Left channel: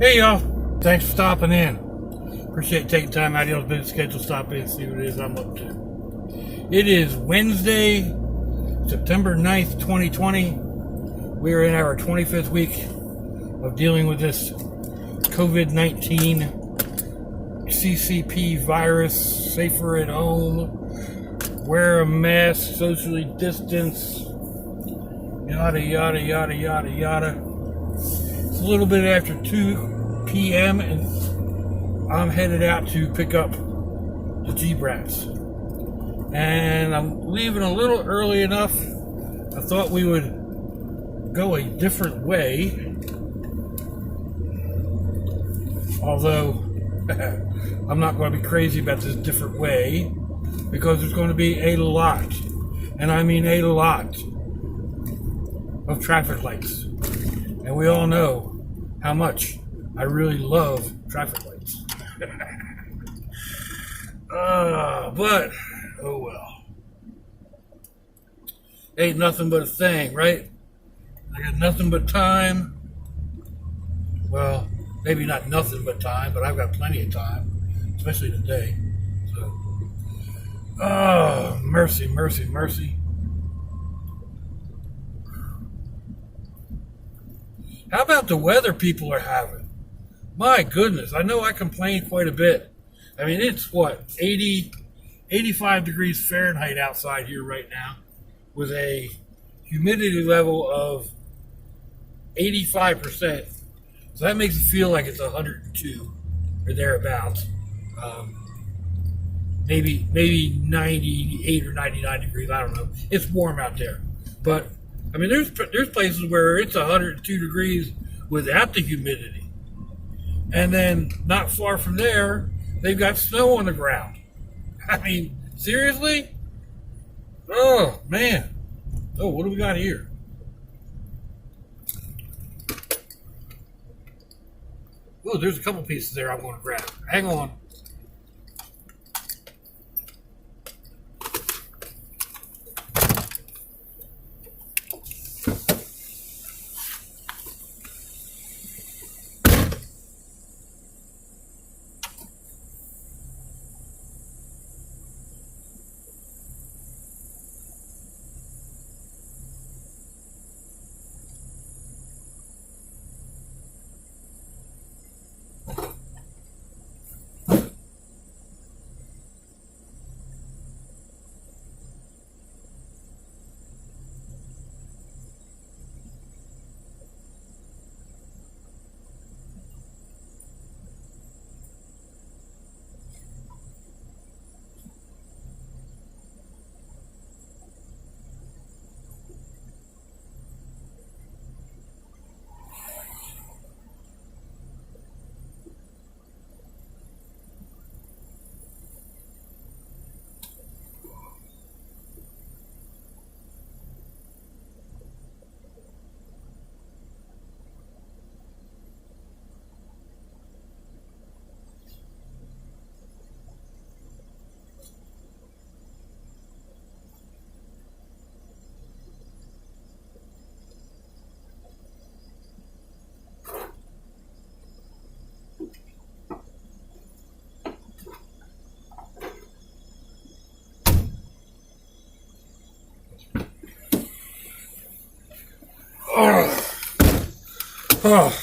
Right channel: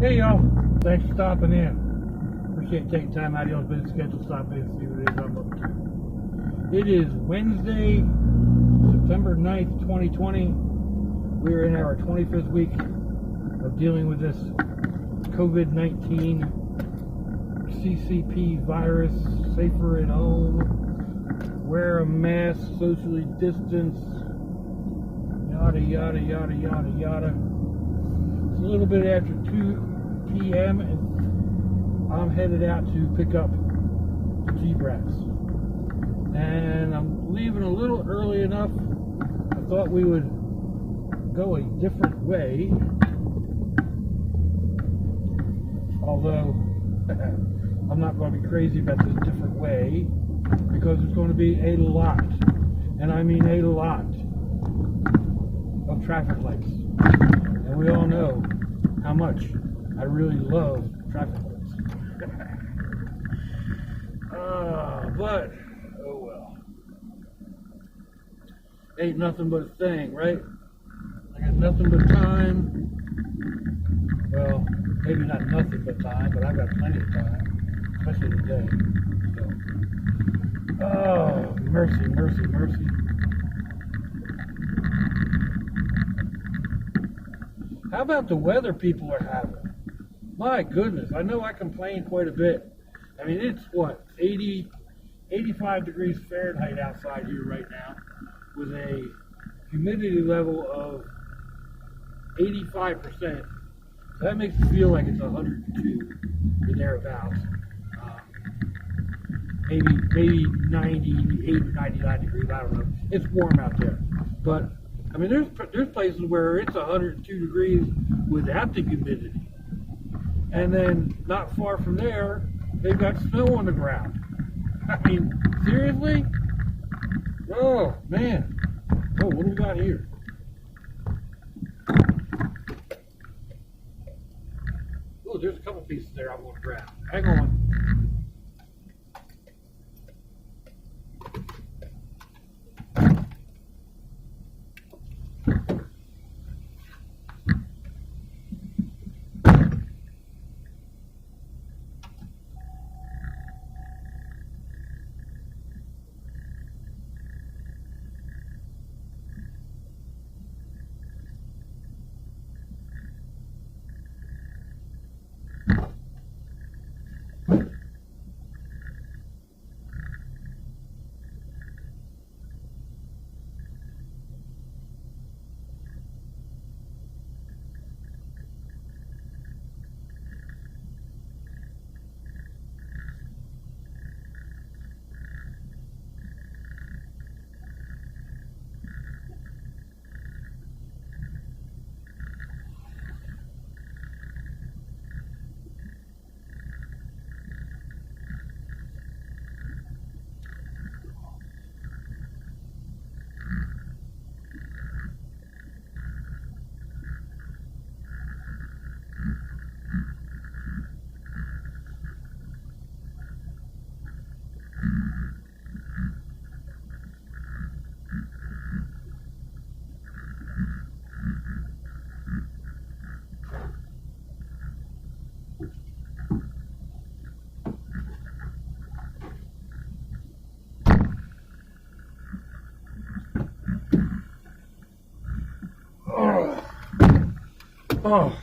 Hey y'all, thanks for stopping in. Appreciate taking time out of your busy schedule to stop in and see what it is I'm up to. It is Wednesday, September 9th, 2020. We are in our 25th week of dealing with this COVID-19 CCP virus, safer at home, wear a mask, socially distance, yada, yada, yada, yada, yada. It's a little bit after 2 p.m. and I'm headed out to pick up the brats. And I'm leaving a little early enough. I thought we would go a different way. Although I'm not going to be crazy about this different way, because there's going to be a lot, and I mean a lot, of traffic lights. And we all know how much I really love traffic lights. But, oh well. Ain't nothing but a thing, right? I got nothing but time. Well, maybe not nothing but time, but I've got plenty of time, especially today. So, oh, mercy, mercy, mercy. How about the weather people are having? My goodness, I know I complain quite a bit. I mean, it's what, 80, 85 degrees Fahrenheit outside here right now with a humidity level of 85%. So that makes it feel like it's 102 or thereabouts. Maybe 98 or 99 degrees, I don't know. It's warm out there. But I mean, there's places where it's 102 degrees without the humidity. And then not far from there, they've got snow on the ground. I mean, seriously? Oh, man. Oh, what do we got here? Oh, there's a couple pieces there I'm going to grab. Hang on. Oh,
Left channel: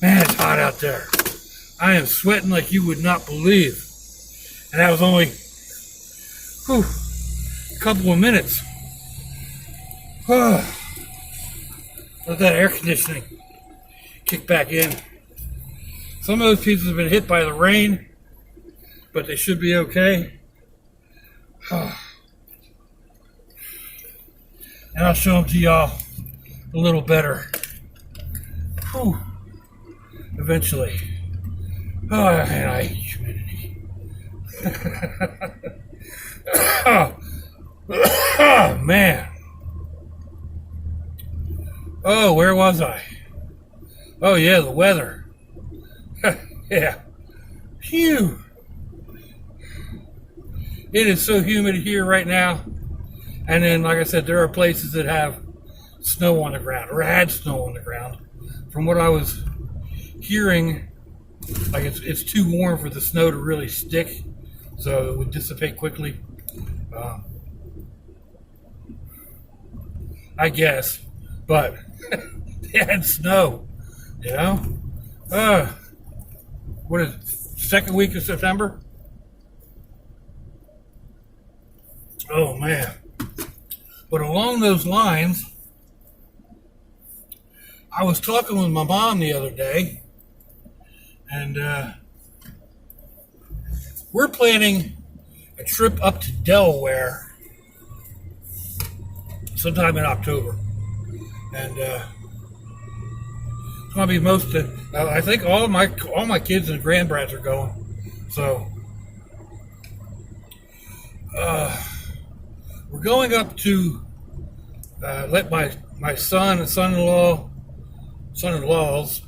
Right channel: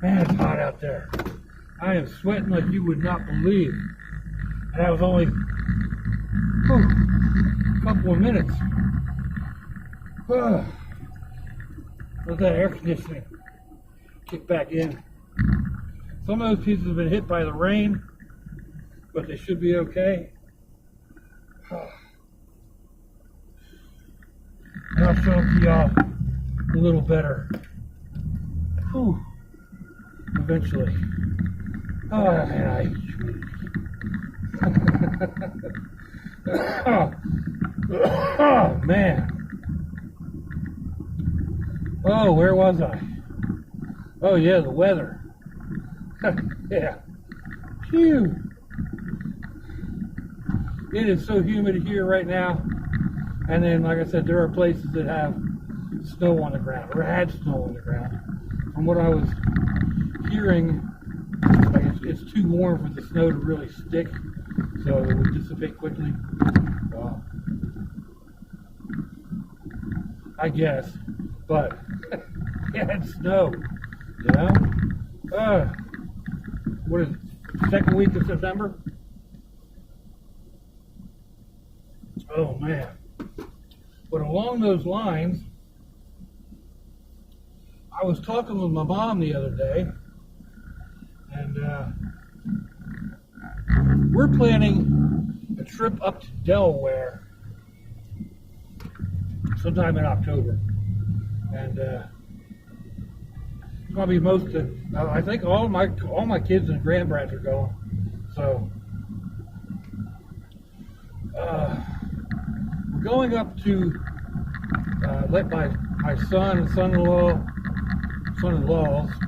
man, it's hot out there. I am sweating like you would not believe. And that was only a couple of minutes. Oh, let that air conditioning kick back in. Some of those pieces have been hit by the rain, but they should be okay. Oh. And I'll show them to y'all a little better. Whew. Eventually. Oh, and I hate humidity. Oh, man. Oh, where was I? Oh, yeah, the weather. Yeah. Phew. It is so humid here right now. And then, like I said, there are places that have snow on the ground, or had snow on the ground. From what I was hearing like it's too warm for the snow to really stick, so it would dissipate quickly. I guess, but they had snow, you know. What is it, second week of September? Oh man! But along those lines, I was talking with my mom the other day, and we're planning a trip up to Delaware sometime in October, and it's gonna be I think all my kids and grandbrats are going. So we're going up to let my son and son-in-laws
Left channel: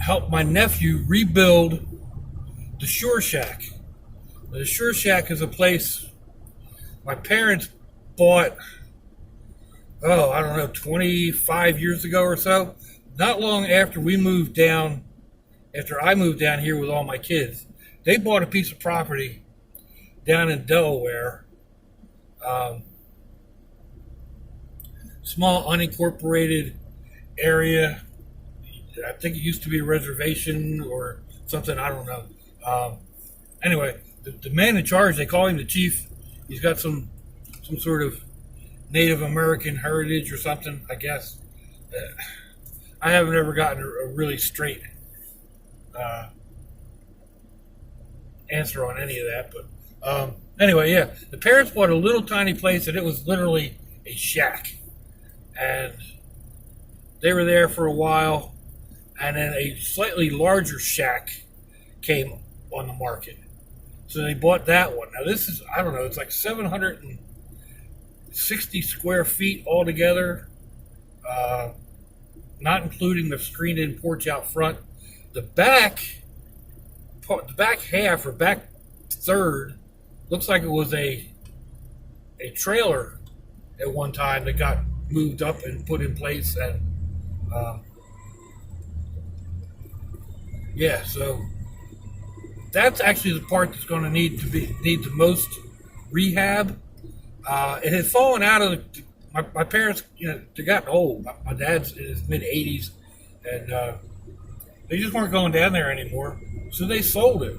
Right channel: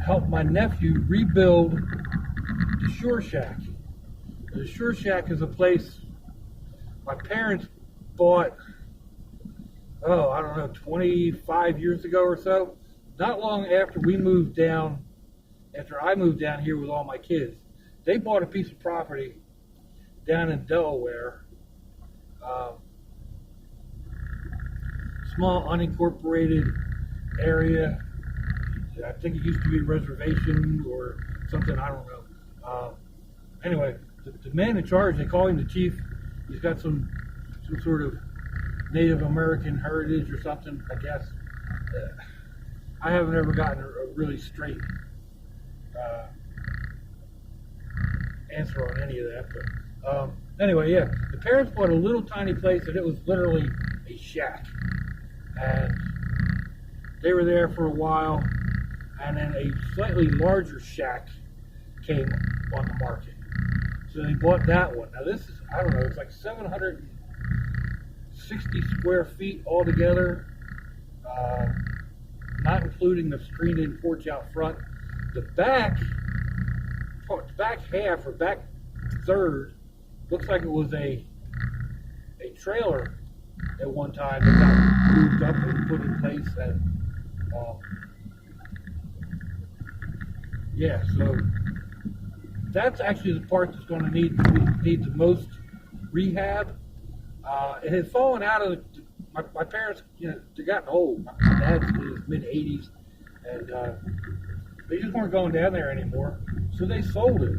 help my nephew rebuild the Shore Shack. The Shore Shack is a place my parents bought, I don't know, 25 years ago or so. Not long after I moved down here with all my kids. They bought a piece of property down in Delaware, small unincorporated area. I think it used to be a reservation or something, I don't know. Anyway, the man in charge, they call him the chief. He's got some sort of Native American heritage or something, I guess. I haven't ever gotten a really straight answer on any of that. But anyway, yeah, the parents bought a little tiny place and it was literally a shack. And they were there for a while, and then a slightly larger shack came on the market. So they bought that one. Now this is, I don't know, it's like 760 square feet altogether, not including the screened-in porch out front. The back half or back third looks like it was a trailer at one time that got moved up and put in place. And yeah, so that's actually the part that's going to need the most rehab. It had fallen out of my parents. You know, they got old. My dad's in his mid-80s, and they just weren't going down there anymore. So they sold it.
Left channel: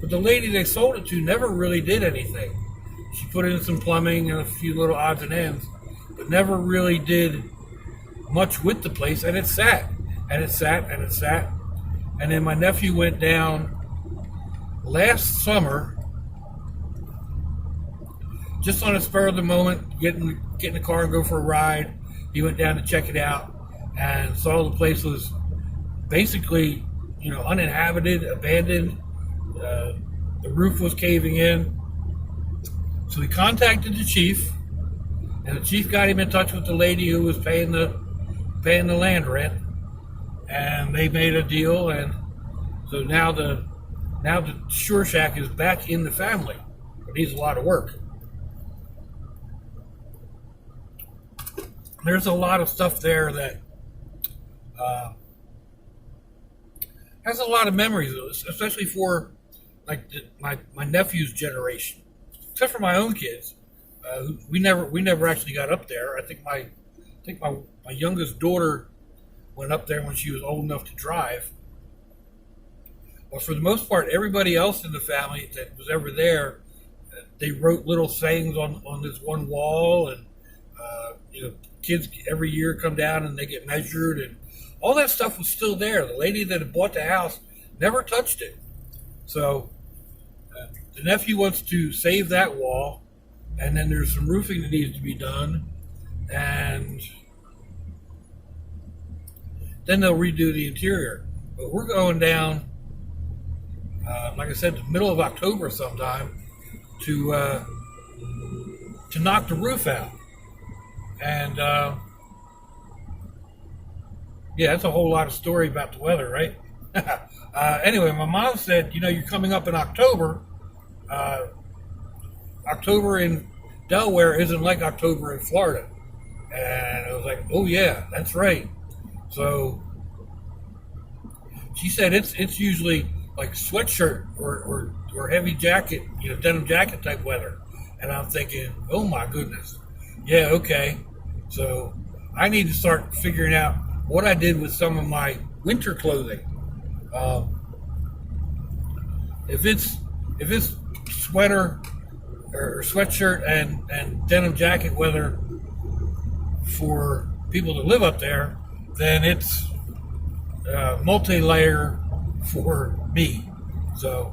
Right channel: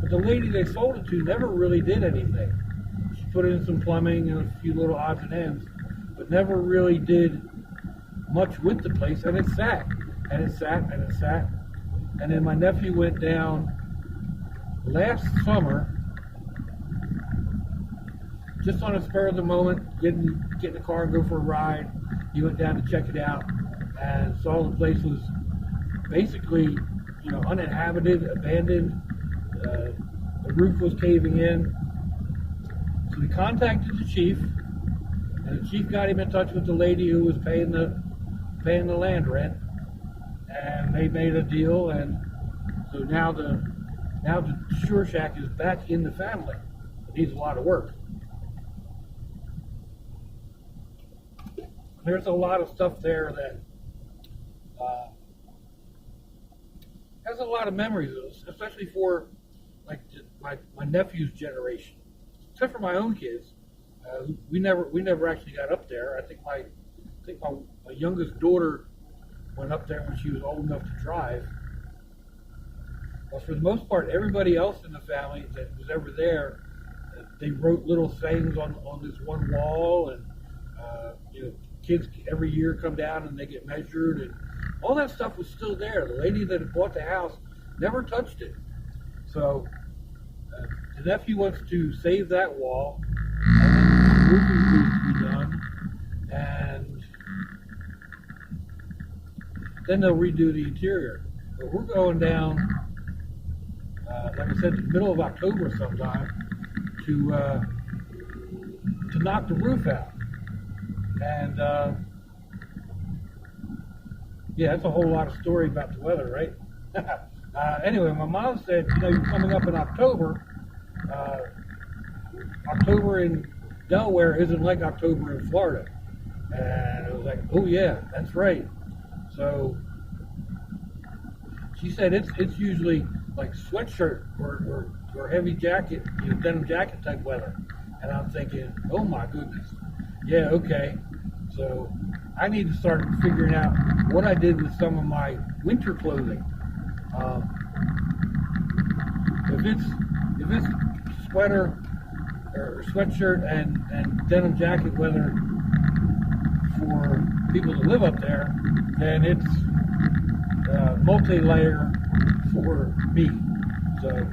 But the lady they sold it to never really did anything. She put in some plumbing and a few little odds and ends, but never really did much with the place. And it sat, and it sat, and it sat. And then my nephew went down last summer, just on a spur of the moment, get in the car and go for a ride. He went down to check it out and saw the place was basically, uninhabited, abandoned. The roof was caving in. So he contacted the chief, and the chief got him in touch with the lady who was paying the land rent, and they made a deal. And so now the Shore Shack is back in the family. It needs a lot of work. There's a lot of stuff there that has a lot of memories, especially for like my nephew's generation. Except for my own kids, we never actually got up there. I think my youngest daughter went up there when she was old enough to drive. But for the most part, everybody else in the family that was ever there, they wrote little sayings on this one wall, and kids every year come down and they get measured, and all that stuff was still there. The lady that had bought the house never touched it. So the nephew wants to save that wall, and then there's some roofing that needs to be done, and then they'll redo the interior. But we're going down, like I said, the middle of October sometime to knock the roof out. And yeah, that's a whole lot of story about the weather, right? Anyway, my mom said, you're coming up in October. October in Delaware isn't like October in Florida. And I was like, oh yeah, that's right. So she said it's usually like sweatshirt or heavy jacket, denim jacket type weather. And I'm thinking, oh my goodness, yeah, okay. So I need to start figuring out what I did with some of my winter clothing. Um, if it's sweater or sweatshirt and denim jacket weather for people to live up there, then it's multi-layer for me. So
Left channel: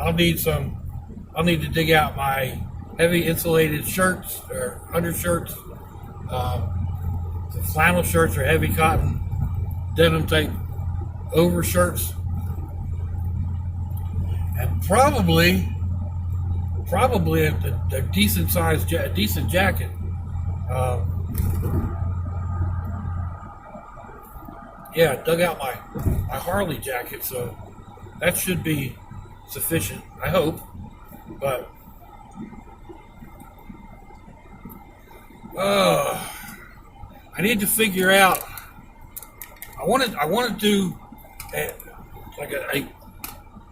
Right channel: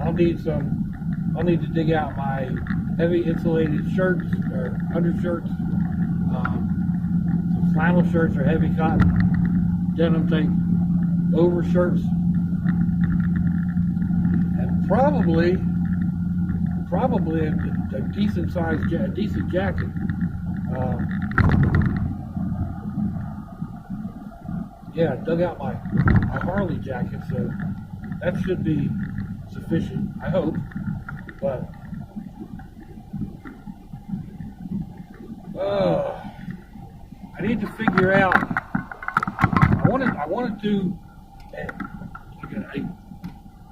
I'll need to dig out my heavy insulated shirts or undershirts, some flannel shirts or heavy cotton denim type overshirts, and probably a decent sized decent jacket. Yeah, I dug out my Harley jacket, so that should be sufficient, I hope. But I need to figure out. I want to do a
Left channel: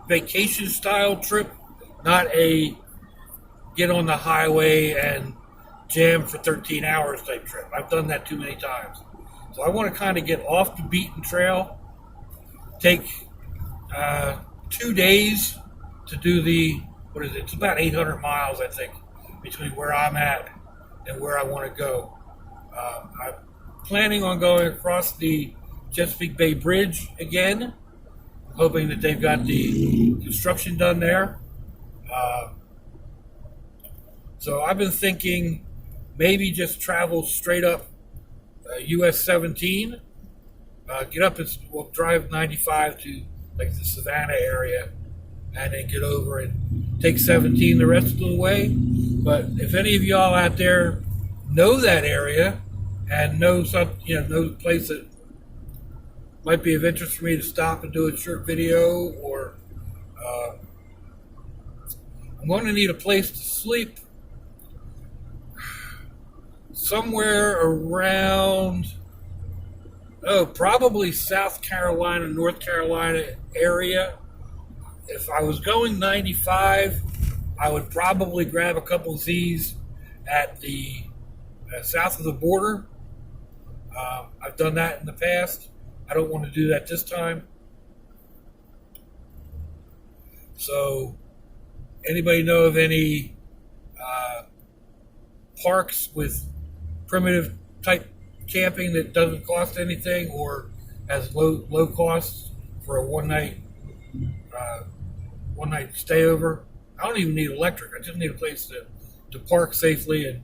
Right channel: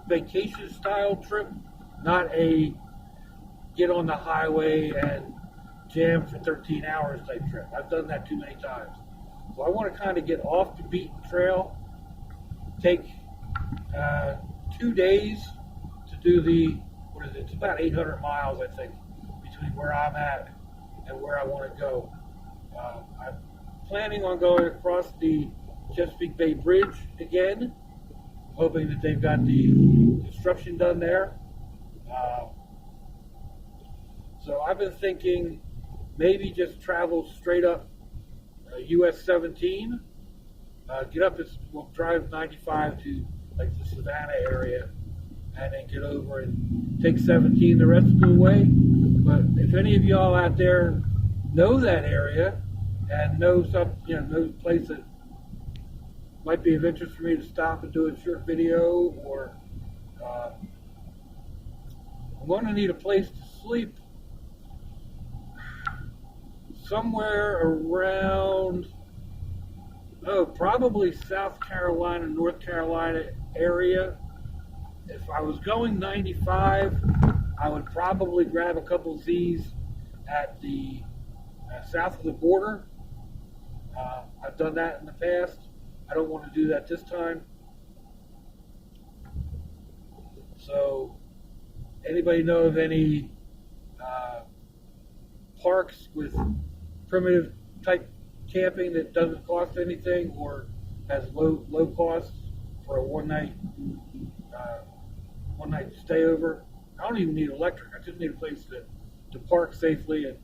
vacation style trip, not a get on the highway and jam for 13 hours type trip. I've done that too many times. So I want to kind of get off the beaten trail, take 2 days to do it's about 800 miles, I think, between where I'm at and where I want to go. I'm planning on going across the Chesapeake Bay Bridge again, hoping that they've got the construction done there. So I've been thinking maybe just travel straight up US 17, get up we'll drive 95 to like the Savannah area, and then get over and take 17 the rest of the way. But if any of y'all out there know that area and know know the place that might be of interest for me to stop and do a short video, or I'm going to need a place to sleep somewhere around, probably South Carolina, North Carolina area. If I was going 95, I would probably grab a couple of Z's at the south of the border. I've done that in the past. I don't want to do that this time. So, anybody know of any parks with primitive type camping that doesn't cost anything or has low costs for a one night stay over? I don't even need electric. I just need a place to park safely and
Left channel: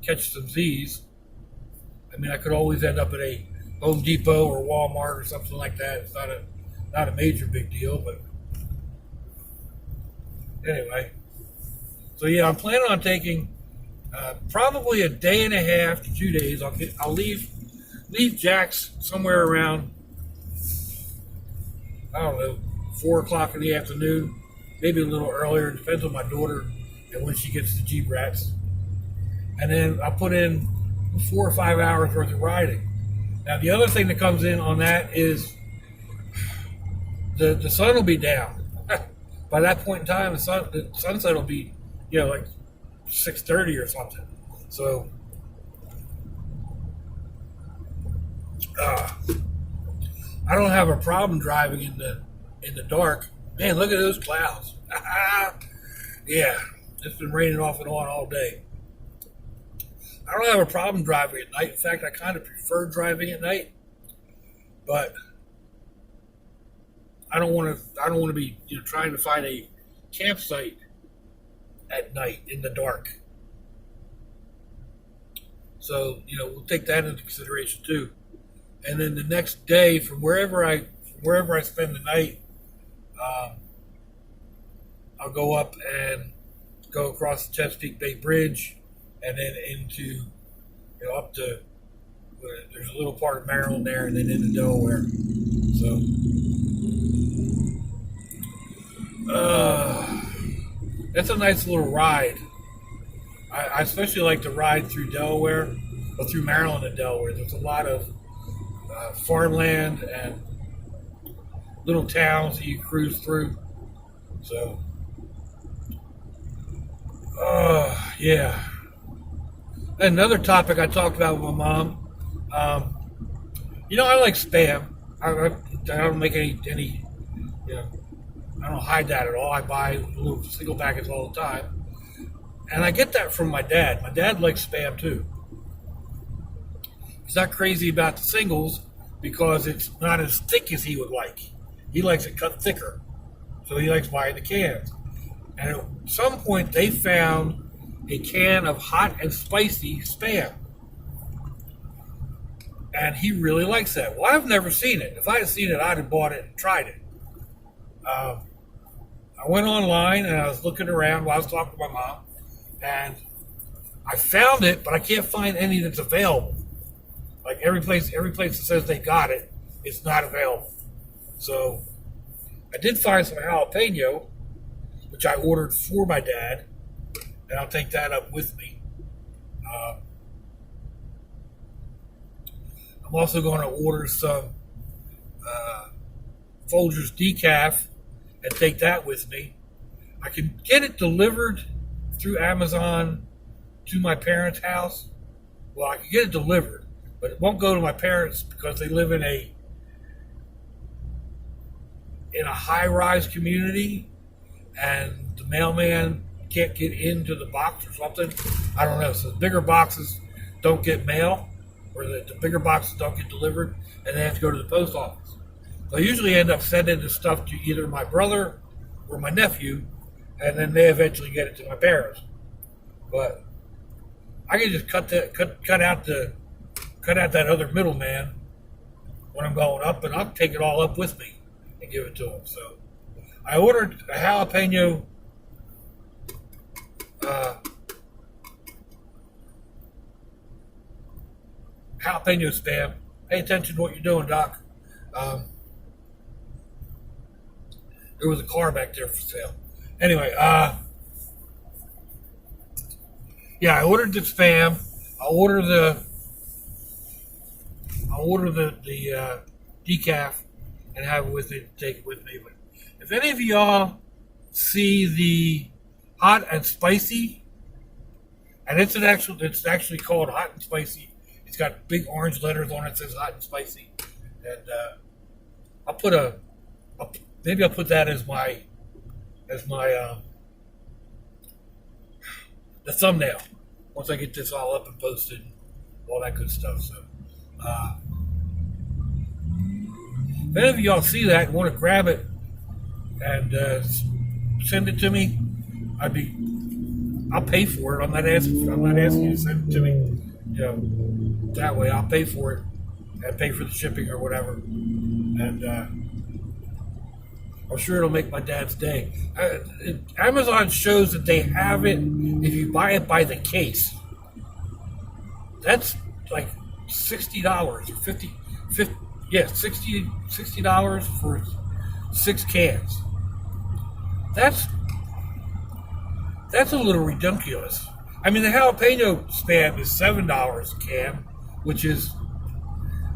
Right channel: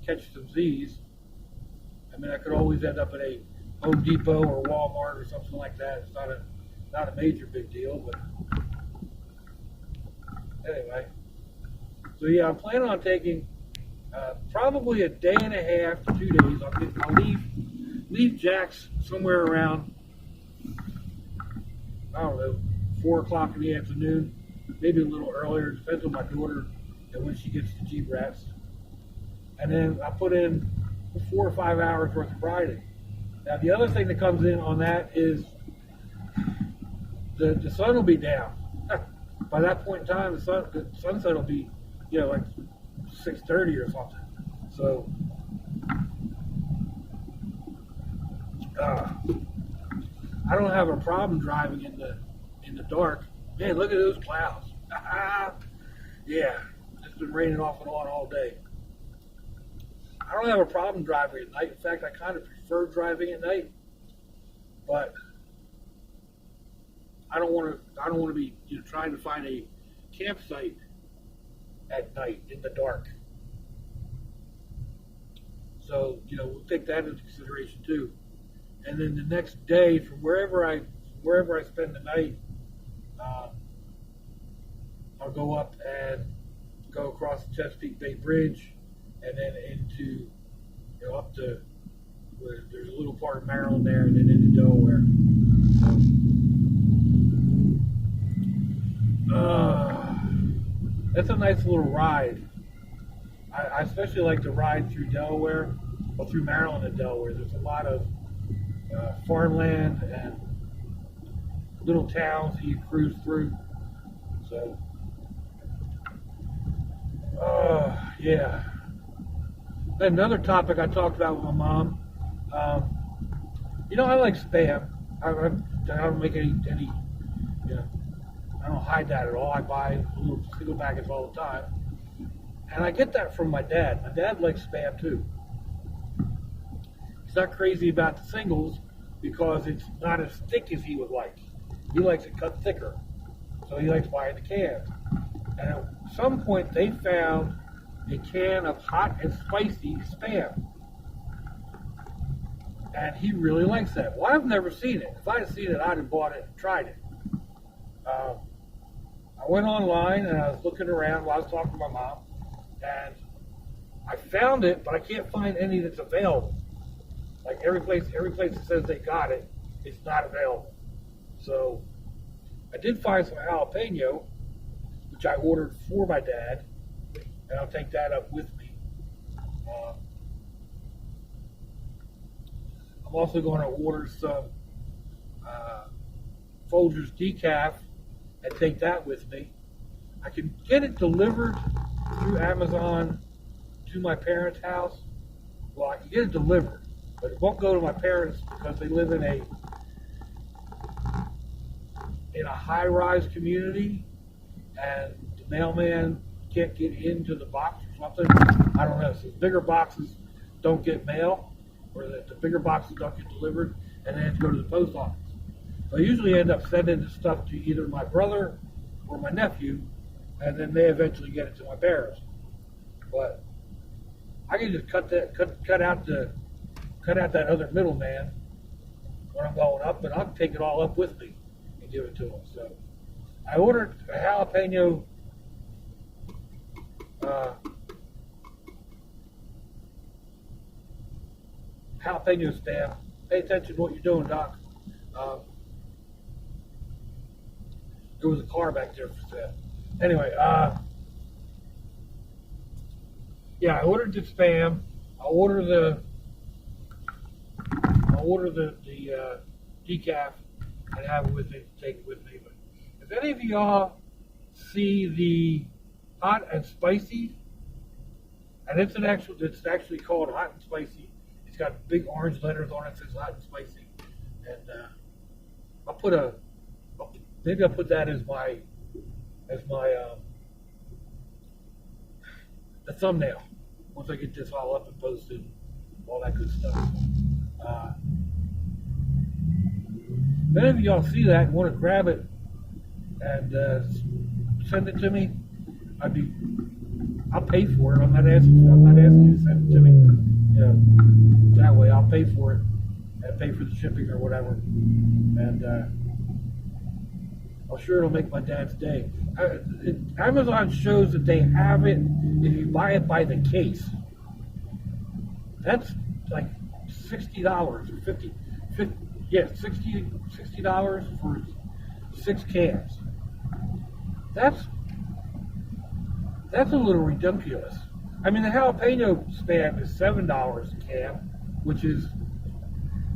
catch some Z's. I mean, I could always end up at a Home Depot or Walmart or something like that. It's not a major big deal, but anyway. So yeah, I'm planning on taking probably a day and a half to 2 days. I'll leave Jax somewhere around, I don't know, 4 o'clock in the afternoon, maybe a little earlier. It depends on my daughter and when she gets the brats. And then I'll put in 4 or 5 hours worth of riding. Now the other thing that comes in on that is the sun will be down. By that point in time, the sunset will be, like 6:30 or something. So, I don't have a problem driving in the dark. Man, look at those clouds. Yeah, it's been raining off and on all day. I don't have a problem driving at night. In fact, I kind of prefer driving at night. But I don't want to be trying to find a campsite at night in the dark. So we'll take that into consideration too. And then the next day, from wherever I spend the night, I'll go up and go across the Chesapeake Bay Bridge, and then into up to there's a little part of Maryland there, and then into Delaware. So that's a nice little ride. I especially like to ride through Delaware, or through Maryland and Delaware. There's a lot of farmland and little towns that you cruise through. So, yeah. Another topic I talked about with my mom. I like spam. I don't make any, you know, I don't hide that at all. I buy little single packets all the time. And I get that from my dad. My dad likes spam too. He's not crazy about the singles because it's not as thick as he would like. He likes it cut thicker. So he likes buying the cans. And at some point they found a can of hot and spicy spam. And he really likes that. Well, I've never seen it. If I had seen it, I'd have bought it and tried it. I went online and I was looking around while I was talking to my mom, and I found it, but I can't find any that's available. Like every place that says they got it, it's not available. So I did find some jalapeno, which I ordered for my dad, and I'll take that up with me. I'm also going to order some Folgers decaf and take that with me. I can get it delivered through Amazon to my parents' house. Well, I can get it delivered, but it won't go to my parents because they live in a high-rise community, and the mailman can't get into the box or something. I don't know. So the bigger boxes don't get mail, or the bigger boxes don't get delivered, and they have to go to the post office. So I usually end up sending the stuff to either my brother or my nephew, and then they eventually get it to my parents. But I can just cut out that other middleman when I'm going up, and I'll take it all up with me and give it to them. So I ordered a jalapeno spam. Pay attention to what you're doing, Doc. There was a car back there for sale. Anyway, yeah, I ordered the spam. I ordered the decaf and have it with it, take it with me. But if any of y'all see the hot and spicy, and it's actually called hot and spicy. It's got big orange letters on it that says hot and spicy. And maybe I'll put that as my the thumbnail once I get this all up and posted and all that good stuff. So if any of y'all see that and want to grab it and send it to me, I'll pay for it. I'm not asking you to send it to me. That way I'll pay for it and pay for the shipping or whatever. And I'm sure it'll make my dad's day. Amazon shows that they have it if you buy it by the case. That's like $60 or $50, yeah, $60 for 6 cans. That's a little ridiculous. I mean, the jalapeno spam is $7 a can, which is,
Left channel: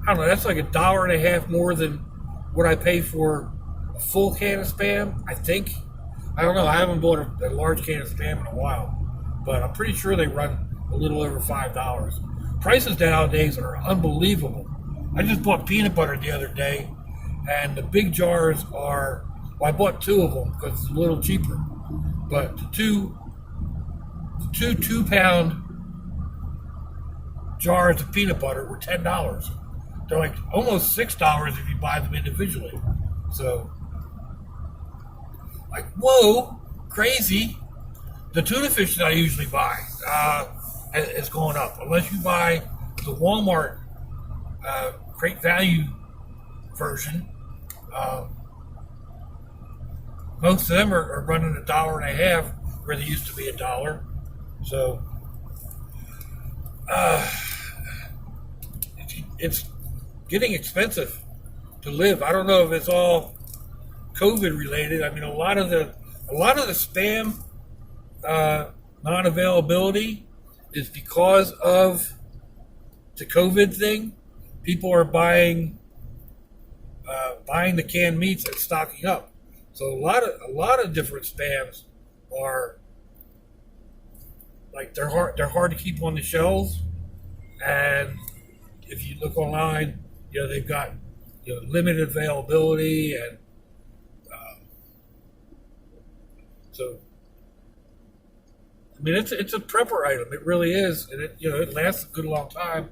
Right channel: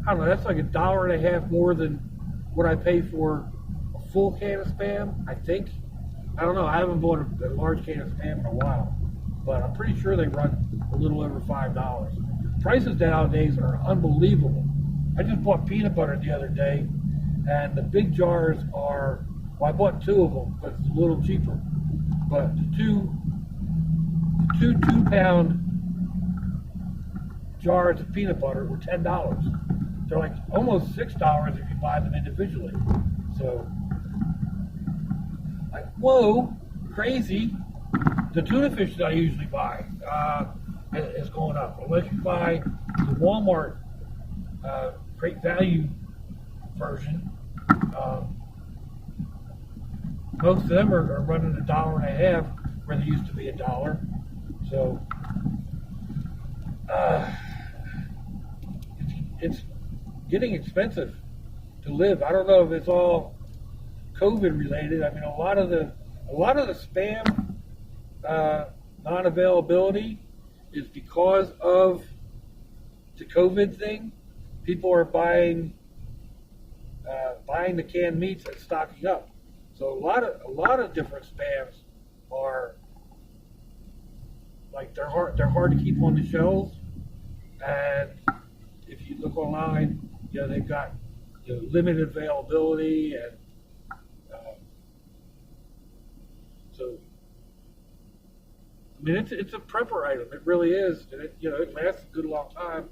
I don't know, that's like $1.50 more than what I pay for a full can of spam, I think. I don't know. I haven't bought a large can of spam in a while, but I'm pretty sure they run a little over $5. Prices nowadays are unbelievable. I just bought peanut butter the other day, and the big jars are, well, I bought 2 of them because it's a little cheaper, but the two 2-pound jars of peanut butter were $10. They're like almost $6 if you buy them individually. So, like, whoa, crazy. The tuna fish that I usually buy is going up. Unless you buy the Walmart Great Value version, most of them are running $1.50 where they used to be $1. So, it's getting expensive to live. I don't know if it's all COVID related. I mean, a lot of the spam non-availability is because of the COVID thing. People are buying buying the canned meats and stocking up. So a lot of different spams are like they're hard to keep on the shelves, and if you look online, they've got limited availability, and so I mean it's a prepper item. It really is, and it lasts a good long time.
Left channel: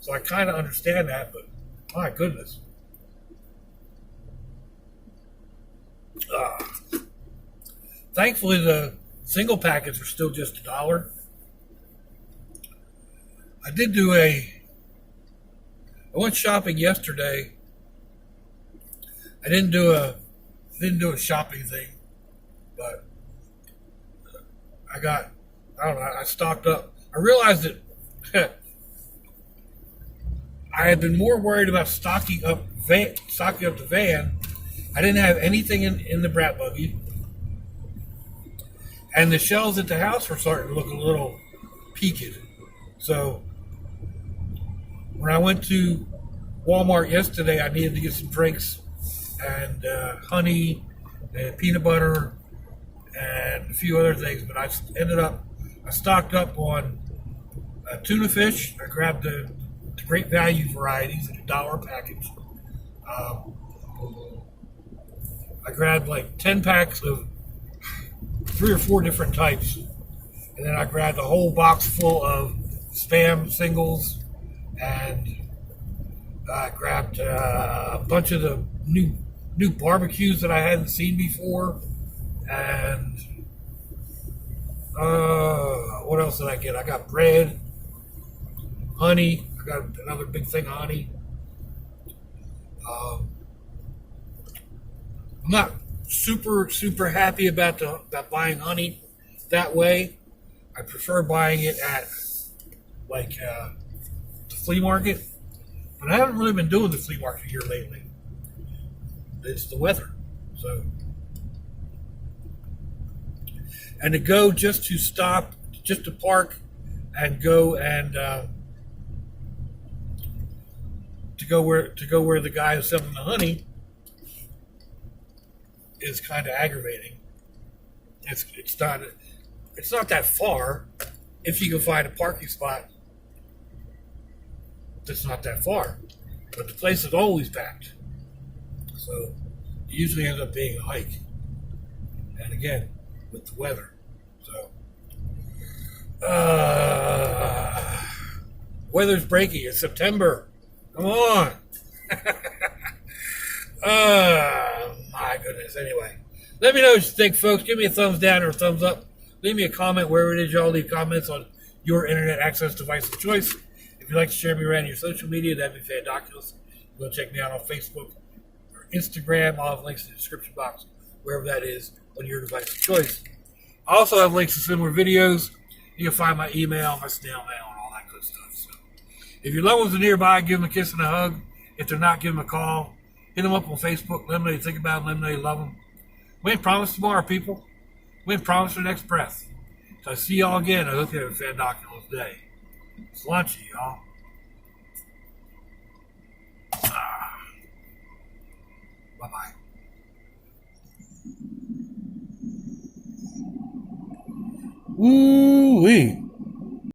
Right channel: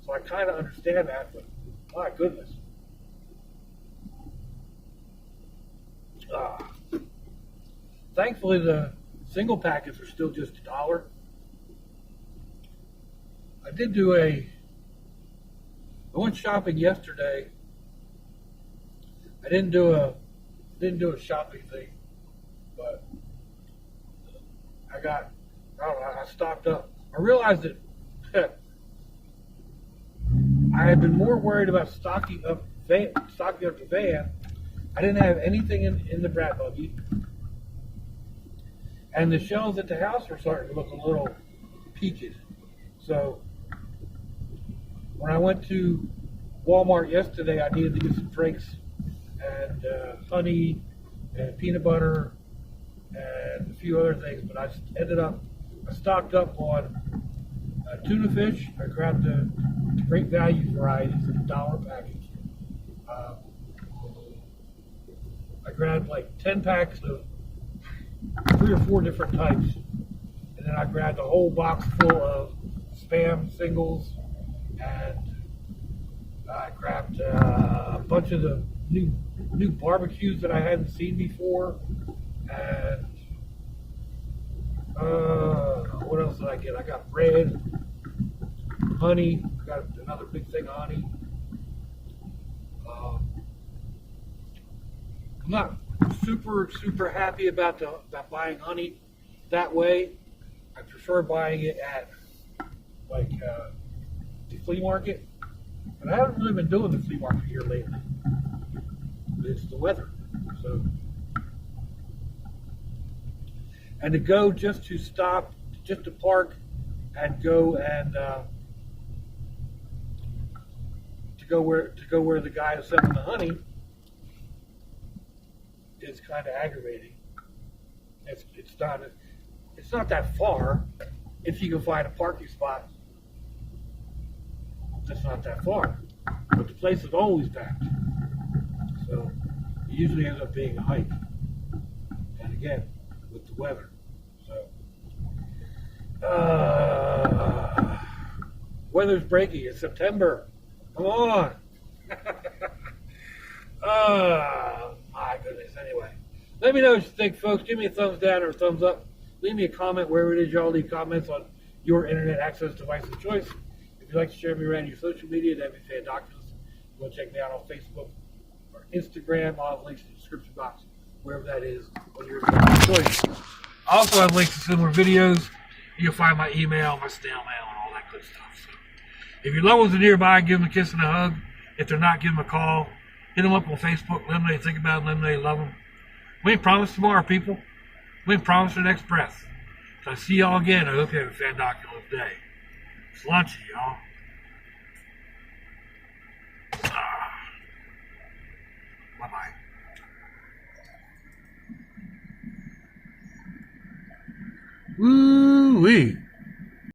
So I kind of understand that, but my goodness. Thankfully, the single packets are still just $1. I went shopping yesterday. I didn't do a shopping thing, but I stocked up. I realized that I had been more worried about stocking up the van. I didn't have anything in the brat buggy, and the shelves at the house were starting to look a little peaked. So when I went to Walmart yesterday, I needed to get some drinks and honey and peanut butter and a few other things, but I stocked up on tuna fish. I grabbed the great value varieties in $1 package. I grabbed like 10 packs of 3 or 4 different types, and then I grabbed a whole box full of Spam singles, and I grabbed a bunch of the new barbecues that I hadn't seen before, and what else did I get? I got bread, honey. I got another big thing of honey. I'm not super happy about buying honey that way. I prefer buying it at like the flea market, but I haven't really been doing the flea market here lately. It's the weather, so. And to go just to park and go and to go where the guy is selling the honey is kind of aggravating. It's not that far if you can find a parking spot that's not that far, but the place is always packed, so it usually ends up being a hike. And again, with the weather, so weather's breaking. It's September. Come on. My goodness. Anyway, let me know what you think, folks. Give me a thumbs down or a thumbs up. Leave me a comment wherever it is y'all leave comments on your internet access device of choice. If you'd like to share me around your social media, that'd be fantastic. Go check me out on Facebook or Instagram. I'll have links in the description box, wherever that is on your device of choice. I also have links to similar videos. You can find my email, my snail mail, and all that good stuff. So if your loved ones are nearby, give them a kiss and a hug. If they're not, give them a call. Hit them up on Facebook. Let them know you think about them. Let them know you love them. We ain't promised tomorrow, people. We ain't promised the next breath. So I see y'all again. I hope you have a fantastic day. It's lunchy, y'all. Bye-bye. Woo-wee.